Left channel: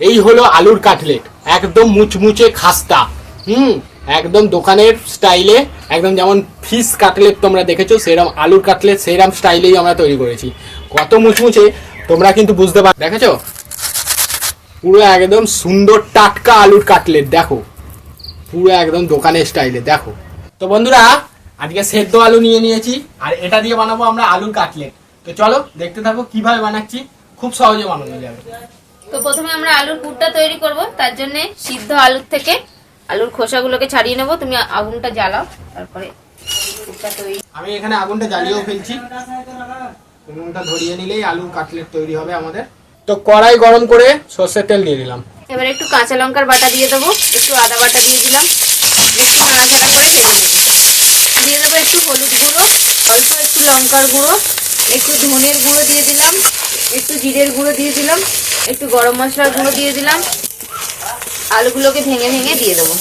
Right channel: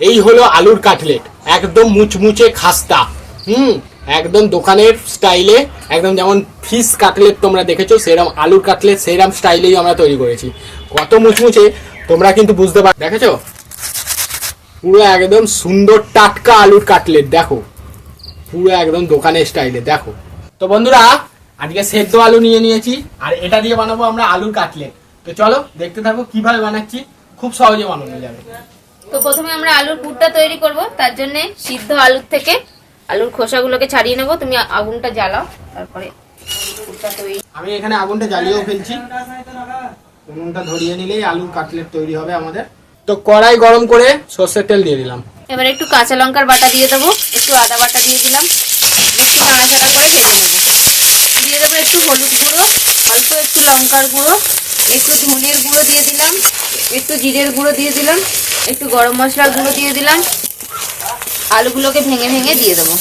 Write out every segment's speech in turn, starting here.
এই হলো আলুর কাটলেট। একদম মুচমুচে খাস্তা। হুম, একদম দোকানের স্টাইলে, একদম যেমন ফিশ কাটলেট তোমরা দেখেছ সেরকম আলুর কাটলেট সেরকম স্টাইলেই আমরা তৈরি করেছি। কত মুচমুচে, তোমরা কিন্তু বুঝতে পার দেখেছ? পুরো একদম সুন্দর টাটকা আলুর কাটলেট, দেখো। পুরো একদম দোকানের স্টাইলে, দেখো। তো বন্ধুরা, আজকে সেদ্ধ আলু নিয়ে নিয়েছি, আর এটা দিয়ে বানাবো আমরা আলুর কাটলেট। তো চলো, দেখতে থাকো কীভাবে বানাচ্ছি, খুব সহজে বানানো যাবে। তো প্রথমে আমরা আলুর পুরটা তৈরি করব তার জন্য সিদ্ধ আলুর থেকে আলুর খোসাগুলোকে ছাড়িয়ে নেব। তুমি আগুনটা জ্বালাও তারপরে পুরটা তৈরি। আমি এখানে আগুনটা জ্বালিয়েও ফেলছি। উনুনটা ধরিয়ে নিলেই আলুর কাটলেট তৈরি হবে আমাদের। তো কড়াই গরম করে সর্ষের তেল দিয়ে দিলাম। এবার একটু কাঁচা লঙ্কার বাটা দিয়ে দেবো একটু আদা বাটা দিয়ে দিলাম। একটু নাড়াচাড়া করে ভেজে নেব। দিয়ে দেবো একটু হলুদ গুঁড়ো অল্প একটু লঙ্কার গুঁড়ো একটু ধনের গুঁড়ো দিয়ে দিলাম একটু জিরের গুঁড়ো দিয়ে দিলাম একটু গরম মশলার গুঁড়ো দিয়ে দিলাম আলুগুলোকে ভেঙে ভেঙে দিয়ে দেবো।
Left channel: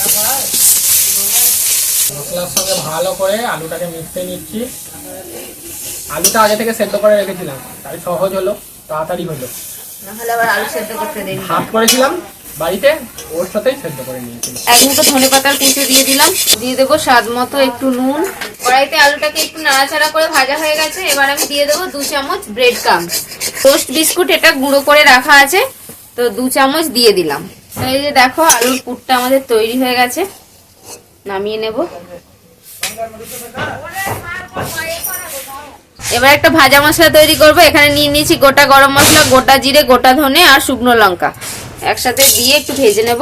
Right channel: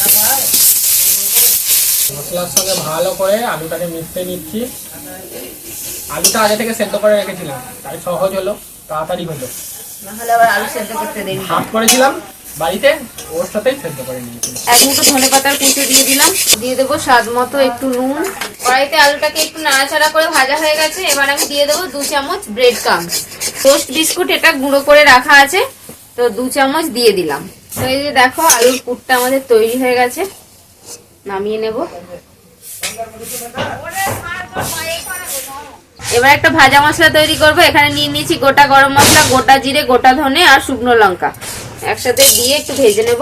মশলার সঙ্গে ভালো করে আলুটাকে মিশতে নিচ্ছি। আলুটা আগে থেকে সেদ্ধ করে রেখেছিলাম তাই সহজ হলো তাড়াতাড়ি হলো। নাহলে আবার আলু সেদ্ধ করতে দেরি। হাত করেছিলাম বাড়িতে, ওর সাথেই সেদ্ধ করে নিয়েছি। এক মুঠো ধনে পাতার কুচি দিয়ে দিলাম। দিয়ে দেবো স্বাদ মতো একটু নুন। কড়াইতে আলুটাকে একটু নাড়াচাড়া করে ভাজা হয়ে গেছে। এবার আমি দিয়ে দেবো দু চামচ ব্রেড কাম টোস্ট বিস্কুট এটা গুঁড়ো করে রাখা আছে। তো দু চামচ দিয়ে দিলাম। তো এই যে দেখো, আলুর পুরটা আমাদের তৈরি হয়ে গেছে। নামিয়ে নেব। এবার একটা ভাজা মশলা তৈরি করব। এখানে নিয়ে নিয়েছি গোটা গরম মশলা, গোটা জিরে, গোটা ধনে আর শুকনো লঙ্কা। একসাথে দিয়ে একটু ভেজে নেব।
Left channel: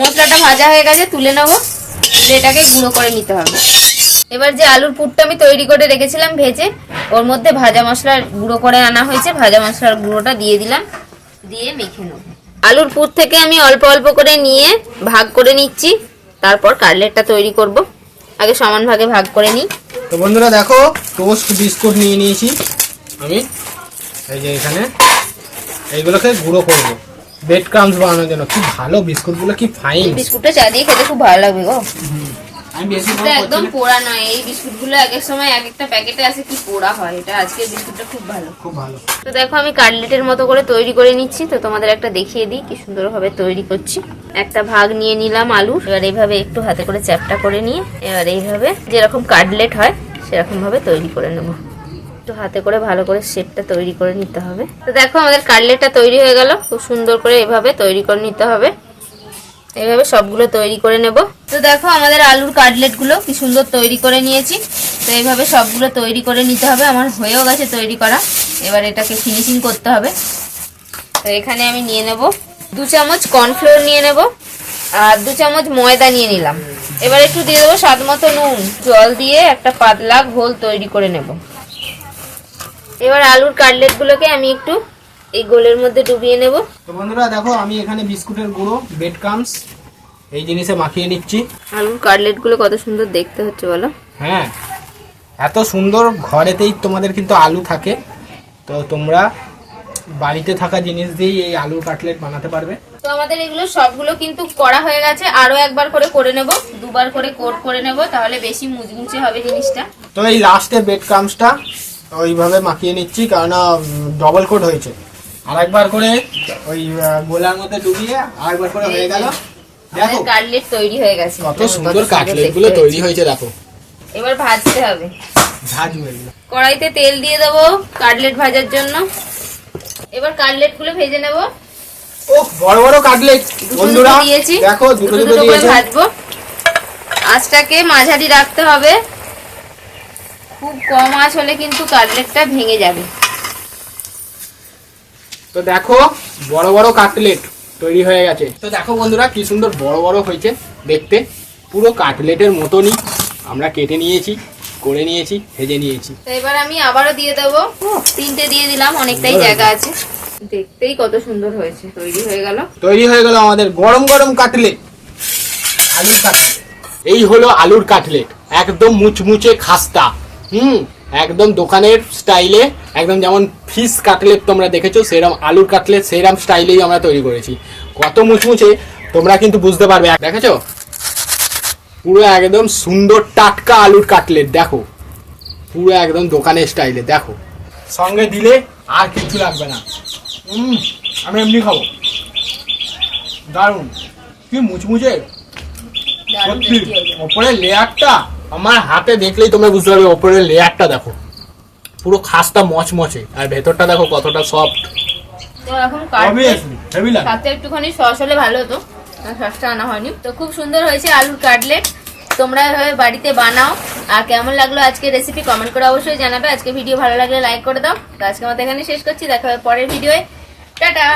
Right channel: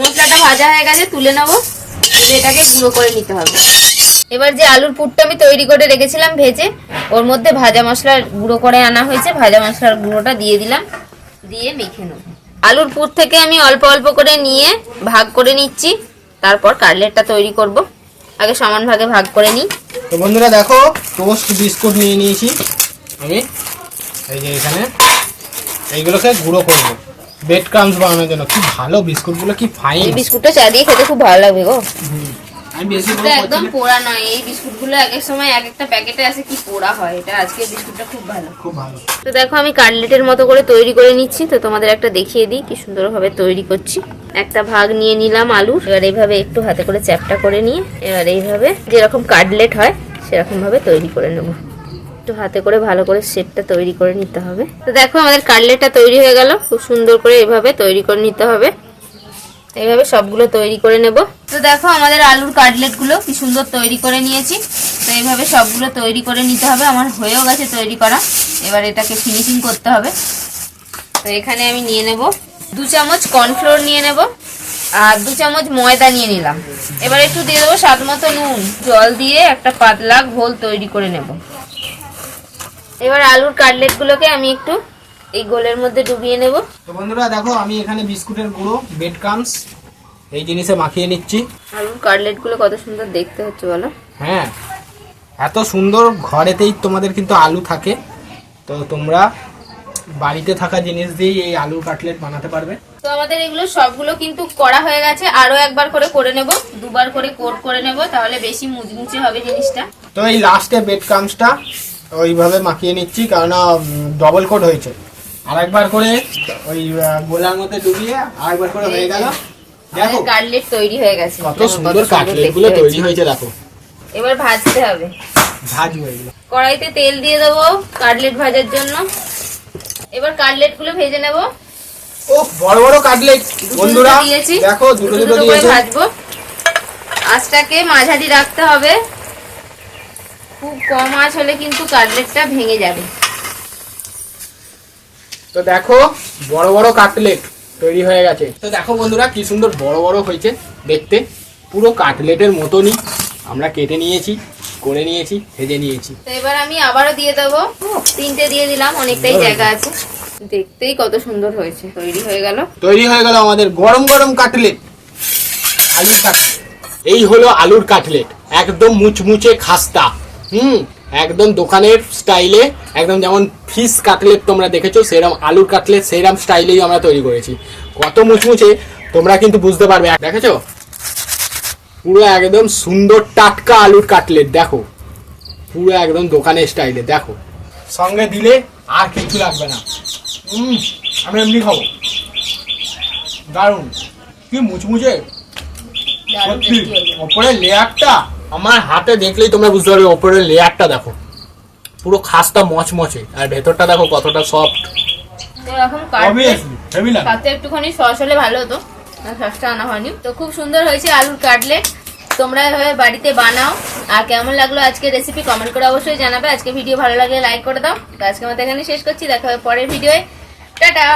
মশলাটা ভাজা হয়ে গেছে, তুলে নেব। তুলে এটাকে গুঁড়ো করে নিতে হবে। এবার যে আলুর পুরটা আমি তৈরি করে রেখেছিলাম ভেজে, ওর মধ্যে ভাজা মশলা গুঁড়ো করে আনা হয়েছে। ভাজা মশলার গুঁড়োটা দিয়ে দিলাম, দিয়ে মেখে নেব। আলুর পুর থেকে আমি অল্প অল্প করে নিয়ে ভাগ করে নিচ্ছি। তারপর কাটলেটটা তৈরি করব। আগে সমান ভাগে ভাগ করে নিই। তো বন্ধুরা দেখো টোস্ট বিস্কুট নিয়ে নিয়েছি। আমি এই যে এখানে এইগুলোকে গুঁড়ো করব বেড ক্রামস বানানোর জন্য। কি ভালো বিস্কুটগুলো কি ফাইন এই বিস্কুটটা চা দিয়ে খেতে খুব ভালো লাগবে গো। আমি বেশি এটা একদম পোড়া নয়। এই বিস্কুটগুলো এক এক সময় এক একটা প্যাকেটে আছে কি পোড়া হয়। এটা আজকে বিস্কুটটা খুব ভালো। খুব ভালো। তো দেখো আমি কাটলেটের মতো করে তৈরি করে নিচ্ছি। তো তোমাদের একটা দেখিয়ে দিই কি সুন্দরভাবে তৈরি করছি। একটা ভাগ নিয়ে নিলাম আলু। এবার এইভাবে একটু হাতে করে চ্যাপটা করে নিয়ে এবার এইভাবে যেরকম কাটলেট হয় সেরকম ভাবে তৈরি করে নেব। একটু হাতে করে ভালো করে সেটটা তৈরি করে নিতে হবে। তো দেখো আমাদের কাটলেটটা তৈরি হয়ে গেল। খুব সুন্দর করে এভাবে তৈরি করে নিতে হবে। এইভাবে সবগুলো তৈরি করে নেব। তো দেখো আমাদের আলুর কাটলেটগুলো কি সুন্দর তৈরি করে নিয়েছি। তো এইভাবে সবগুলো তৈরি করে নিতে হবে। আমার হয়েও গেছে তৈরি করা। এবার এটাকে ফিনিশিং করতে হবে। তো এখানে আমি নিয়ে নেব। দু চামচ কর্নফ্লোর নিয়ে নেব। আর দু চামচ ময়দা নিয়ে নিলাম। এবার একটু দিয়ে দেবো স্বাদ মতো নুন। জল দিয়ে একটা পাতলা ঘোল তৈরি করে নেব। এবার আলুর কাটলেট গুলোকে আমি একটু এই গোলের মধ্যে ডুবিয়ে নেব। তো বন্ধুরা দেখো আমি এখানে বিস্কুটের গুঁড়ো বেড ক্রামস এই জিনিসে মাখিয়ে নিচ্ছি। আলুর কাটলেটগুলো কত সুন্দর দেখতে হচ্ছে বলো। হ্যাঁ এত সুন্দর ঘরেতেই তোমাদের কিন্তু আলু থাকে। তো তোমরা বাড়িতে থাকা জিনিস দিয়েই এই আলুর কাটলেট বানাতে পারবে। তো আমাদের এগুলো সবগুলো কিন্তু করা হয়ে গেছে। আরও একবার করে করে নেব দুবার করে কোট করে নেব তাহলে বেশি মুচমুচে হবে জিনিসটা। তো এই লাস্টে বেড ক্রামসটা ওইভাবে মাখিয়ে নিচ্ছি কারণ ডবল কোট হয়েছে। আরেকবার করে ওই গোলার মধ্যে ডুবিয়ে আরেকবার করে হয়ে গেল। দেখো। কাটলেট তৈরি হয়ে গেছে। কত সুন্দর কাটলেটগুলো তৈরি হয়েছে। হয়েছে দেখো। এবার ভাজতে হবে। ঝাঁজ কড়াইতে তেল দিয়ে দেবো কাটলেট ভাজার জন্য। এবার কাটলেটগুলো ভেজে নেব। ও বড় বড় কাটলেট। বন্ধুরা দিয়েছি। দেখো দুটো দুটো করে ভাজবো। আঁচটাকে মাঝারি রাখতে হবে। খুব কম আঁচ হলে কিন্তু কাটলেটটা ভেঙে যাবে। তো দেখো বড় বড় কাটলেট তৈরি হয়ে গেছে। তো দেখো বন্ধুরা কি সুন্দর বড় বড় হয়েছে দেখতে। পুরো কাটলেটের মতনই আমরা কেটে নিয়েছি করে নিয়েছি ভেজে নিয়েছি। তো এবার আমি আবারও দিয়ে দেবো। তিনটে দিয়ে দিলাম অনেকটাই জায়গা আছে। দেখতেই কত সুন্দর হয়েছে তৈরি হয়ে গেল। তৈরি হয়ে গেল আমাদের গরম গরম কাটলেট। আলুর কাটলেট। এই হলো আলুর কাটলেট একদম মুচমুচে খাস্তা। হুম একদম দোকানের স্টাইলে একদম যেমন ফিস কাটলেট তোমরা দেখেছ সেরম আলুর কাটলেট সেরম স্টাইলেই আমরা তৈরি করেছি। কত মুচমুচে তোমরা কিন্তু বুঝতে পারবে। দেখেছ? পুরো একদম সুন্দর টাটকা আলুর কাটলেট দেখো। পুরো একদম দোকানের স্টাইলে দেখো। সঙ্গে দিলে আর কিছু লাগবে না। উম, আমি এমনি খাব। দারুণ কি মুচমুচে? সত্যি। ওপরের লেয়ারটা আমার হাতে দেখলেই তোমরা বুঝতে পারবে ওপরের লেয়ারটা দেখো। পুরো খাসটা মচমচে। আর ভেতরটা দেখো কতটা সফট তো এখন সাথে একটুখানি সস হলে ভালো হতো। সসটা আনা হয়নি। তো খুব সুন্দর হয়েছে আলুর কাটলেট তোমরা এভাবে বাড়িতে বানাও। আর কেমন লাগল আজকে রেসিপি কমেন্ট করে অবশ্যই জানাবে। আজকে ভিডিও ভালো লাগলে লাইক করে দাও। তো আজকে আমাদের এখানে শেষ করছি। দেখা হবে পরের ভিডিওয়ে টাটা!